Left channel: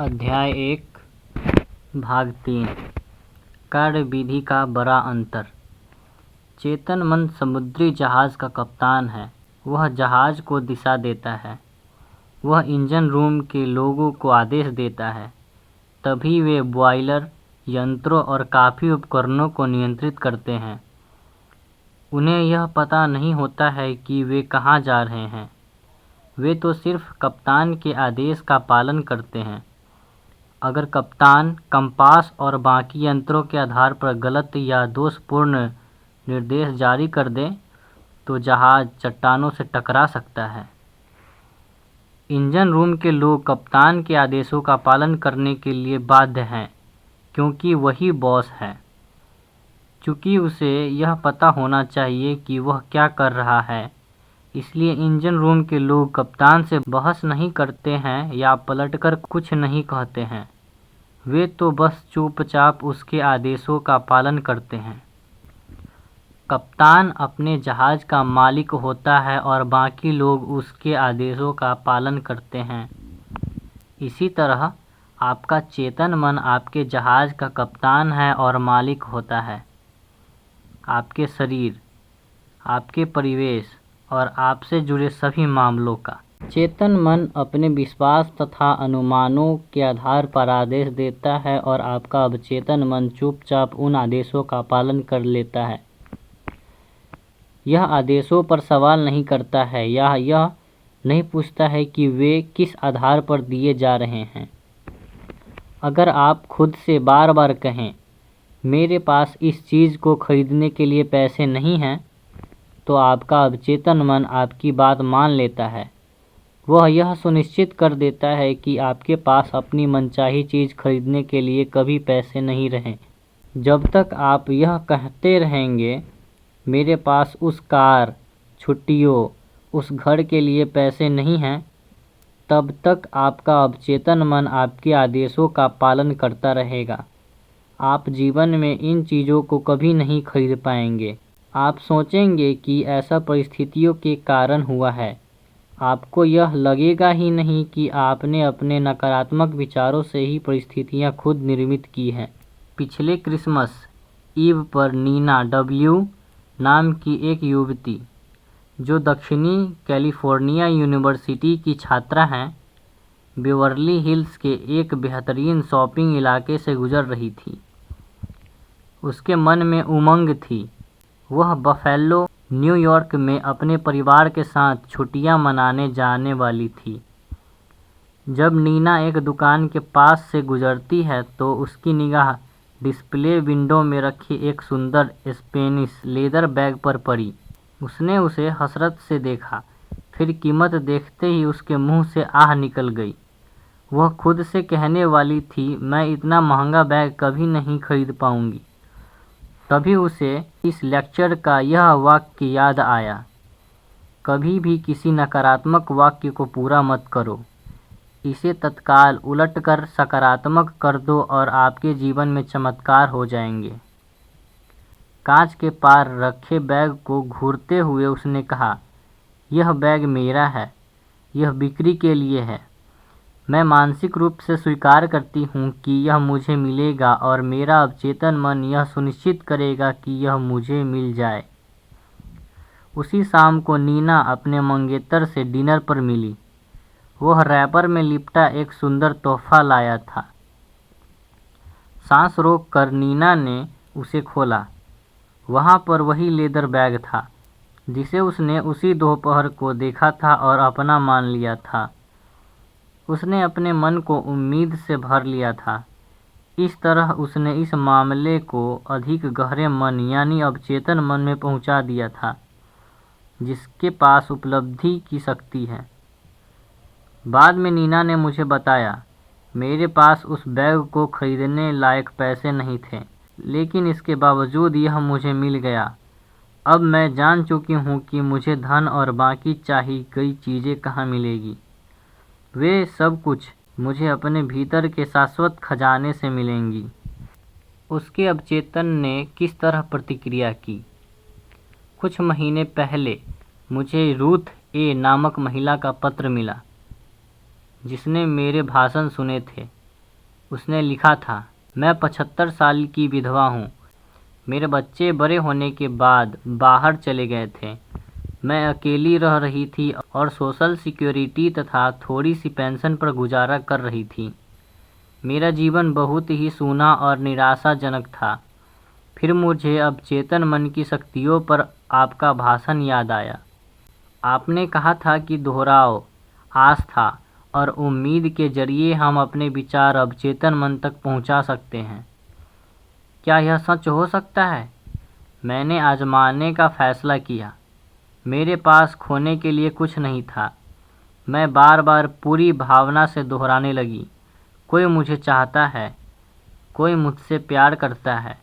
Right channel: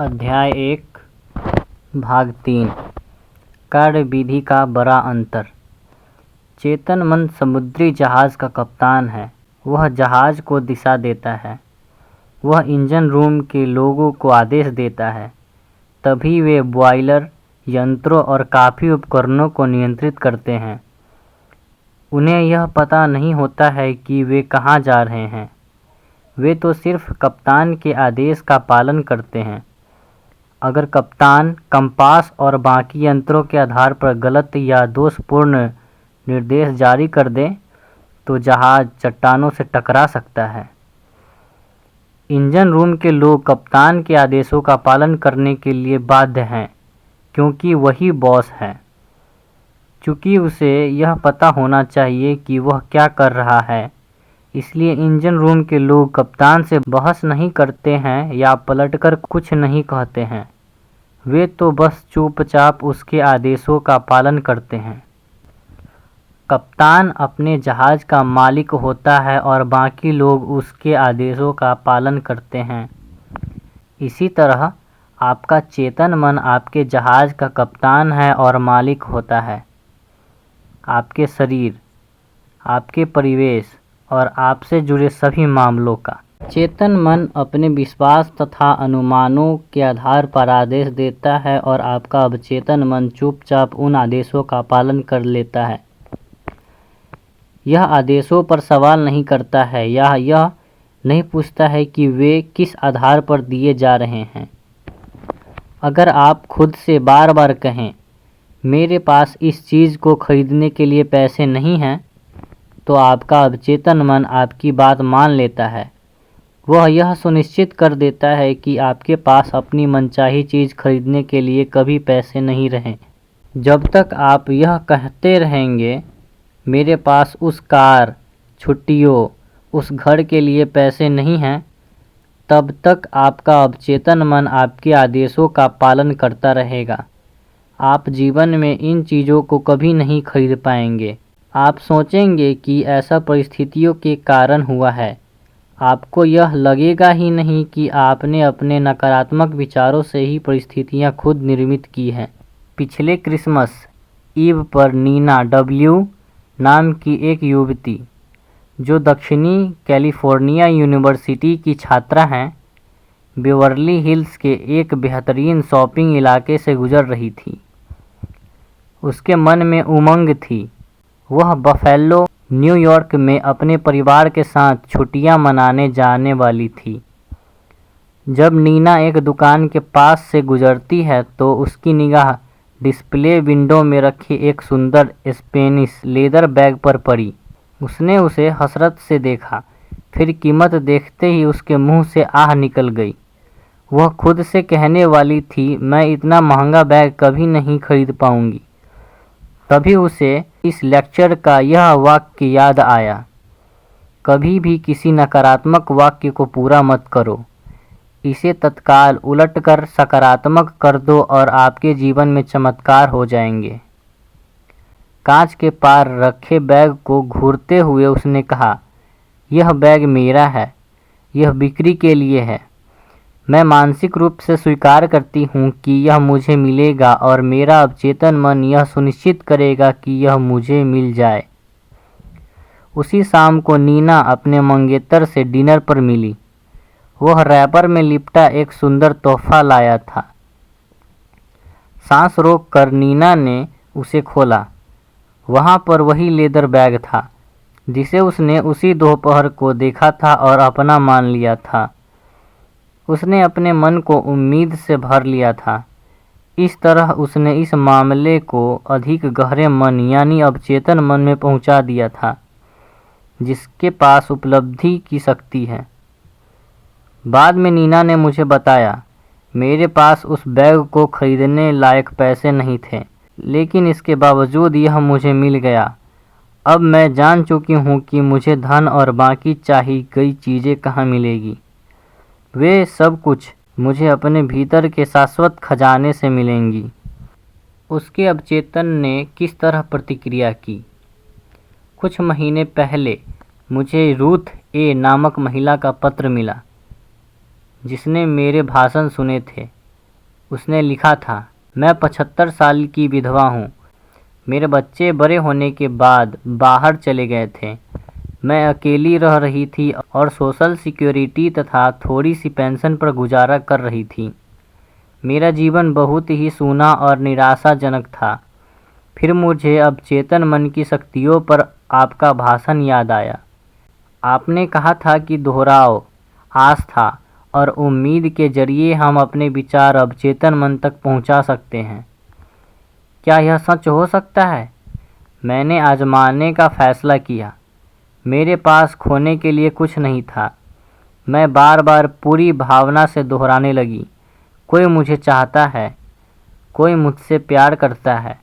अध्याय 1 भाग 3 कार्यविधि का बड़ा अंतर। चेतन मन समुद्री जहाज का कप्तान है। वह जहाज को दिशा देता है। वह इंजन रूम के लोगों को आदेश देता है। तभी वे बॉयलर, यंत्रों और काफ़ी उपकरणों को नियंत्रित करते हैं। उन्हें यह पता नहीं होता है कि वे कहाँ जा रहे हैं। वे तो सिर्फ कप्तान के आदेश का पालन करते हैं। अगर कप्तान कंपास और बाकी यंत्रों के आधार पर गलत या दोषपूर्ण निर्देश जारी कर दे तो जहाज चट्टानों से टकरा सकता है। इंजन रूम के लोग कप्तान के आदेशों का पालन करने के लिए बाध्य हैं, क्योंकि वही बॉस है। चूँकि उसे यह पता होना चाहिए कि वह क्या कर रहा है, इसलिए इंजन रूम के लोग कप्तान से बहस नहीं करते हैं या पलटकर कुछ नहीं कहते हैं। वे तो बस चुपचाप उसके आदेशों का पालन करते हैं। कप्तान अपने जहाज का मालिक होता है और बाकी लोग उसके आदेशों का पालन करते हैं। इसी तरह आपका चेतन मन आपके जहाज का कप्तान है और मालिक होता है। आपके शरीर, आपके परिवेश और आपसे जुड़े सभी मामलों का। चेतन मन अपने विश्वास तथा अनुमानों के आधार पर आदेश देता है और आपका अवचेतन मन चुपचाप उन आदेशों का पालन कर लेता है। यह आदेशों पर सवाल नहीं करता है या यह नहीं पूछता है कि वे किस आधार पर दिए जा रहे हैं। अगर आप खुद से बार बार कहें, मेरे पास इस चीज़ को खरीदने के लिए पैसे नहीं हैं, तो आपका अवचेतन मन आपकी बात मान लेता है। वह यह सुनिश्चित कर देता है कि आपके पास अपनी मनचाही चीज़ खरीदने के लिए कभी पैसे नहीं रहें। जब तक आप यह कहते रहेंगे, मेरे पास उस कार, छुट्टियों, उस घर के लिए पैसे नहीं हैं, तब तक आपका अवचेतन मन आपके आदेशों का पालन करता रहेगा। आप जीवन में इन चीज़ों को कभी नहीं खरीद पाएंगे। आप सोचेंगे कि ऐसा परिस्थितियों के कारण हुआ है। आपको यह लगेगा ही नहीं कि आपने अपने नकारात्मक विचारों से ही परिस्थितियां खुद निर्मित की हैं। पिछले क्रिसमस ईव पर नीना डब्ल्यू नाम की एक युवती, जो दक्षिणी कैलिफोर्निया यूनिवर्सिटी की छात्रा हैं, बेवर्ली हिल्स के एक बेहतरीन शॉपिंग इलाके से गुजर रही थी। उसके मन में उमंग थी। वह बफेलो, न्यूयॉर्क में अपने परिवार के साथ छुट्टियां मनाने जाने वाली थी। जब नीना एक दुकान के पास से गुजरती है तो उसकी निगाह डिस्प्ले विंडो में रखी एक सुंदर स्पेनिश लेदर बैग पर पड़ी। उसने उसे हसरत से देखा, फिर कीमत देखते ही उसके मुंह से आह निकल गई। वह खुद से कहने वाली थी, मैं इतना महंगा बैग कभी नहीं खरीद पाऊंगी। तभी उसे इस लेक्चर का यह वाक्य याद आया, कभी भी किसी नकारात्मक वाक्य को पूरा मत करो, इसे तत्काल उलटकर सकारात्मक कर दो और आपके जीवन में चमत्कार हो जाएंगे। कांच के पार रखे बैग को घूरते हुए उसने कहा, यह बैग मेरा है, यह बिक्री के लिए है। मैं मानसिक रूप से स्वीकार करती हूँ कि यह मुझे मिलेगा और मेरा अवचेतन मन यह सुनिश्चित करेगा कि यह मुझे मिल जाए। उसी शाम को नीना अपने मंगेतर से डिनर पर मिली। वह रैपर में लिपटा एक सुंदर तोहफा लाया था। सांस रोककर नीना ने उसे खोला। वहाँ पर वही लेदर बैग था जिसे उसने उसी दोपहर को देखा था और अपना मान लिया था। उसने अपने मन को उम्मीद से भर लिया था। इस तरह उसने इस मामले को अधिक गहरे मन यानी अवचेतन मन में पहुंचा दिया था, जिसके पास उपलब्धि की शक्ति है। बाद में नीना ने मुझे बताया, मेरे पास उस बैग को खरीदने लायक पैसे नहीं थे, लेकिन इसके बावजूद यह मुझे मिल गया। अब मैं जान चुकी हूँ कि मुझे धन और बाकी चाही गई चीज़ें कहाँ मिलेगी। वे सब कुछ मुझे अपने भीतर के शाश्वत खजाने से मिलेंगी। उसके अवचेतन ने किस तरह प्रतिक्रिया की? कुछ महीने पहले मुझे रूथ ए नामक महिला का पत्र मिला, जिसने मेरे भाषण सुने थे। उसने लिखा था, मैं 75 साल की विधवा हूँ। मेरे बच्चे बड़े होने के बाद बाहर चले गए थे। मैं अकेली रह रही थी और सोशल सिक्योरिटी तथा थोड़ी सी पेंशन पर गुजारा कर रही थी। मेरा जीवन बहुत ही सूना और निराशाजनक था। फिर मुझे अब चेतन मन की शक्तियों पर आपका भाषण याद आया। आपने कहा था कि दोहराओ, आस्था और उम्मीद के जरिए हम अपने विचार अब चेतन मन तक पहुंचा सकते हैं। क्या यह सच हो सकता है? मैंने आजमाने का फैसला किया। मेरे पास खोने के लिए कुछ नहीं था। मैं बार बार पूरी भावना से दोहराने लगी, कोई मुझे चाहता है, कोई मुझसे प्यार करता है।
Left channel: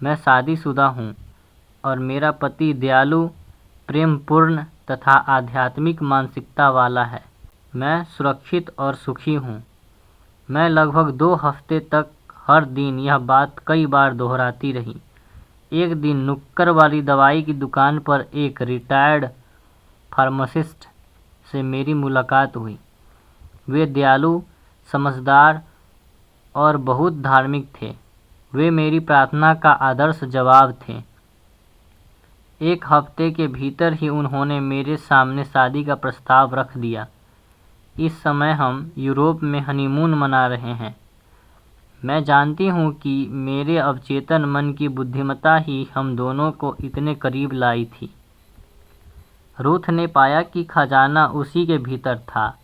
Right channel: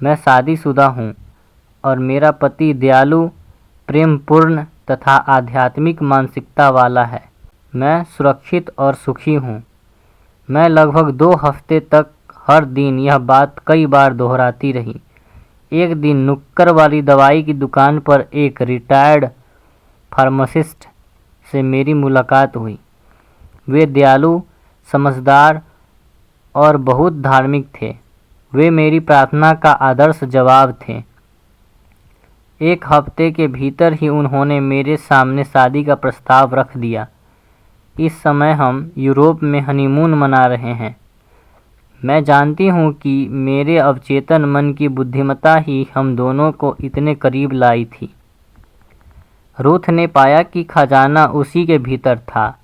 मैं शादीशुदा हूँ और मेरा पति दयालु, प्रेमपूर्ण तथा आध्यात्मिक मानसिकता वाला है। मैं सुरक्षित और सुखी हूँ। मैं लगभग 2 हफ्ते तक हर दिन यह बात कई बार दोहराती रही। एक दिन नुक्कड़ वाली दवाई की दुकान पर एक रिटायर्ड फार्मासिस्ट से मेरी मुलाकात हुई। वे दयालु, समझदार और बहुत धार्मिक थे। वे मेरी प्रार्थना का आदर्श जवाब थे। 1 हफ्ते के भीतर ही उन्होंने मेरे सामने शादी का प्रस्ताव रख दिया। इस समय हम यूरोप में हनीमून मना रहे हैं। मैं जानती हूँ कि मेरे अवचेतन मन की बुद्धिमत्ता ही हम दोनों को इतने करीब लाई थी। रूथ ने पाया कि खजाना उसी के भीतर था।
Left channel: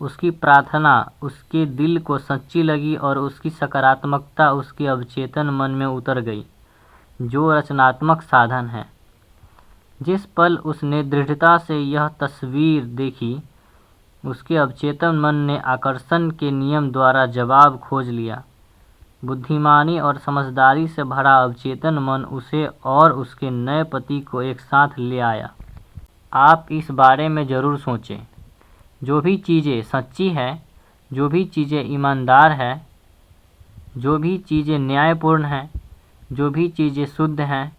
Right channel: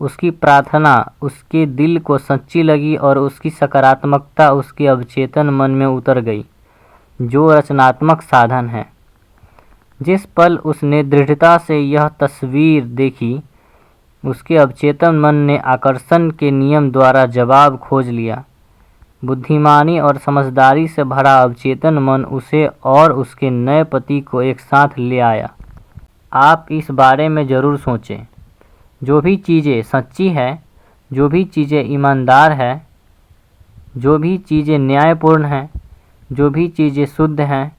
उसकी प्रार्थना उसके दिल को सच्ची लगी और उसकी सकारात्मकता उसके अवचेतन मन में उतर गई, जो रचनात्मक साधन है। जिस पल उसने दृढ़ता से यह तस्वीर देखी, उसके अवचेतन मन ने आकर्षण के नियम द्वारा जवाब खोज लिया। बुद्धिमानी और समझदारी से भरा अवचेतन मन उसे और उसके नए पति को एक साथ ले आया। आप इस बारे में ज़रूर सोचें। जो भी चीज़ें सच्ची है, जो भी चीज़ें ईमानदार है, जो भी चीज़ें न्यायपूर्ण हैं, जो भी चीज़ें शुद्ध हैं,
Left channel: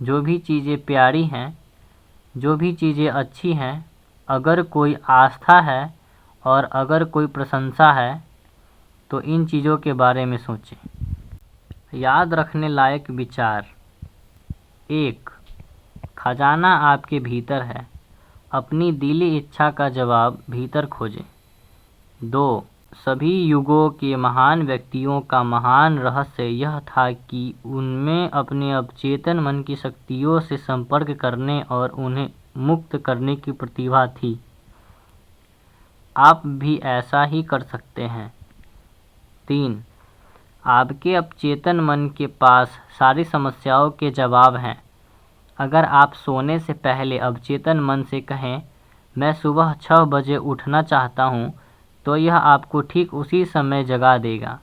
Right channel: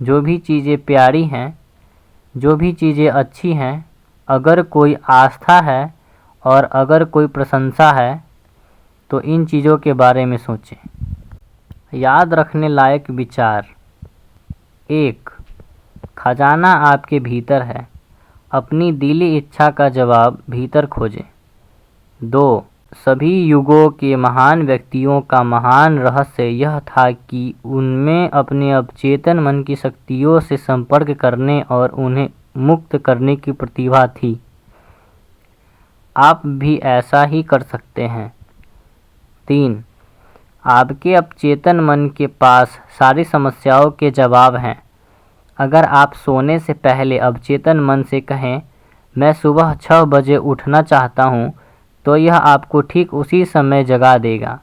जो भी चीज़ें प्यारी हैं, जो भी चीज़ें अच्छी हैं, अगर कोई आस्था है और अगर कोई प्रशंसा है, तो इन चीज़ों के बारे में सोचें। याद रखने लायक विचार। 1. खजाना आपके भीतर है। अपनी दिली इच्छा का जवाब भीतर खोजें। 2. सभी युगों के महान व्यक्तियों का महान रहस्य यह था कि उनमें अपने अवचेतन मन की शक्तियों से संपर्क करने और उन्हें मुक्त करने की प्रतिभा थी। आप भी ऐसा ही कर सकते हैं। 3. आपके अवचेतन मन के पास सारी समस्याओं के जवाब हैं। अगर आप सोने से पहले अवचेतन मन से कहें, मैं सुबह 6 बजे उठना चाहता हूँ, तो यह आपको ठीक उसी समय जगा देगा।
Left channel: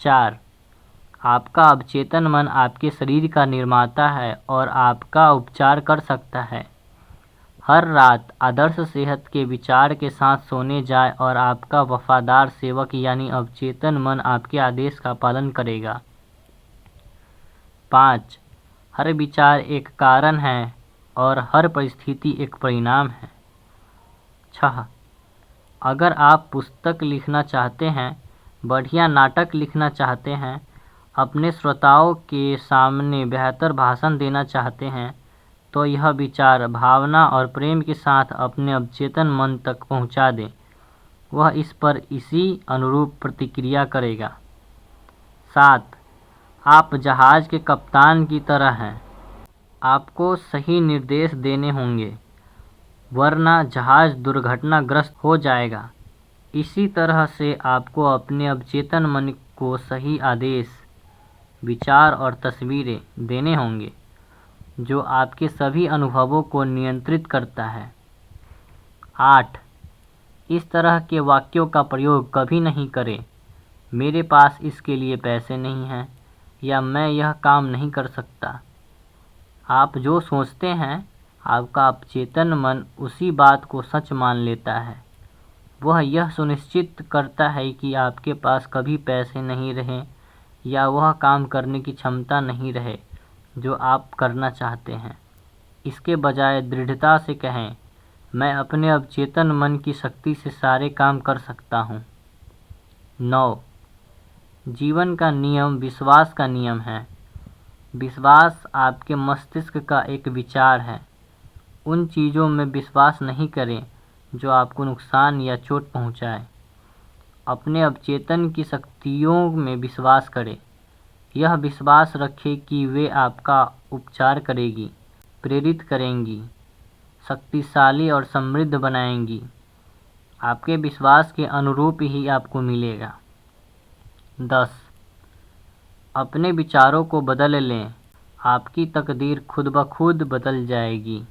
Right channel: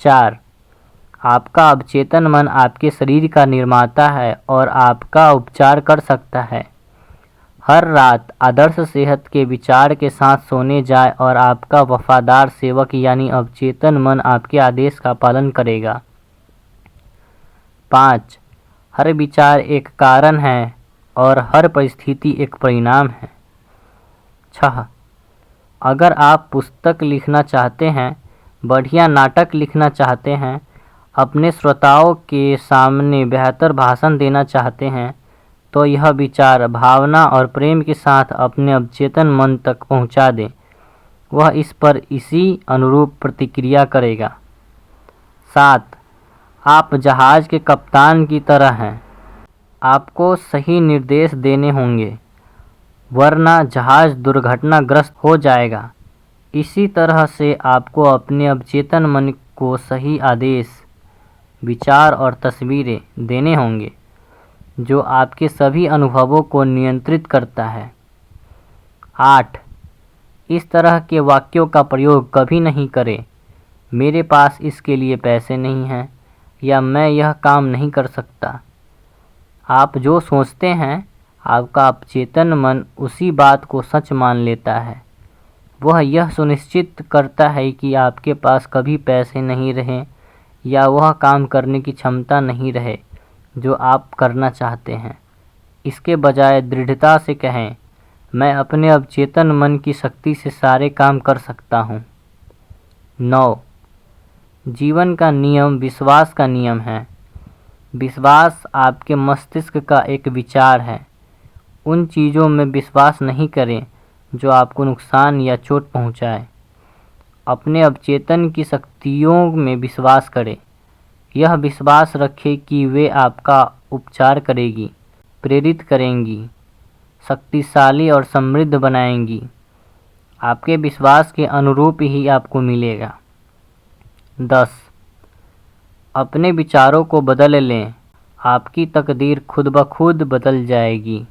4. आपका अवचेतन मन आपके शरीर का निर्माता है और आपका उपचार कर सकता है। हर रात आदर्श सेहत के विचार के साथ सोने जाए और आपका वफादार सेवक यानी अवचेतन मन आपके आदेश का पालन करेगा। 5. हर विचार एक कारण है और हर परिस्थिति एक परिणाम है। 6. अगर आप पुस्तक लिखना चाहते हैं, बढ़िया नाटक लिखना चाहते हैं, अपने श्रोताओं के सामने बेहतर भाषण देना चाहते हैं, तो यह विचार भावना और प्रेम के साथ अपने अवचेतन मन तक पहुंचा दें। वह इस पर इसी अनुरूप प्रतिक्रिया करेगा। 7. आप जहाज के कप्तान की तरह हैं। आपको सही निर्देश देने होंगे, वरना जहाज दुर्घटनाग्रस्त हो जाएगा। इसी तरह से आपको अपने अवचेतन मन को सही आदेश, विचार और तस्वीरें देने होंगे, जो आपके सभी अनुभवों को नियंत्रित करता है। 8. इस तरह के वाक्यों का प्रयोग कभी नहीं करें, मेरे पास इसके लिए पैसे नहीं हैं या मैं यह काम नहीं कर सकता। आप जो सोचते हैं, आपका अवचेतन मन उसी बात को सच मान लेता है। वह यह सुनिश्चित करता है कि आपके पास कभी पैसे नहीं रहें या वह काम करने की क्षमता नहीं रहे जो आप करना चाहते हैं। इसके बजाय दृढ़ता से कहें, मैं अपने अवचेतन मन की शक्ति से सारे काम कर सकता हूँ। 9. जीवन का नियम विश्वास का नियम है। विश्वास आपके मस्तिष्क का एक विचार है। उन चीज़ों में विश्वास नहीं करें जो आपको नुकसान या चोट पहुंचाए। अपने अवचेतन की शक्तियों में विश्वास करें। यह विश्वास रखें कि वे आपका उपचार करेंगी, प्रेरित करेंगी, शक्तिशाली और समृद्ध बनाएंगी। आपके विश्वास के अनुरूप ही आपको मिलेगा। 10. अपने विचारों को बदल लें, आपकी तकदीर खुद ब खुद बदल जाएगी।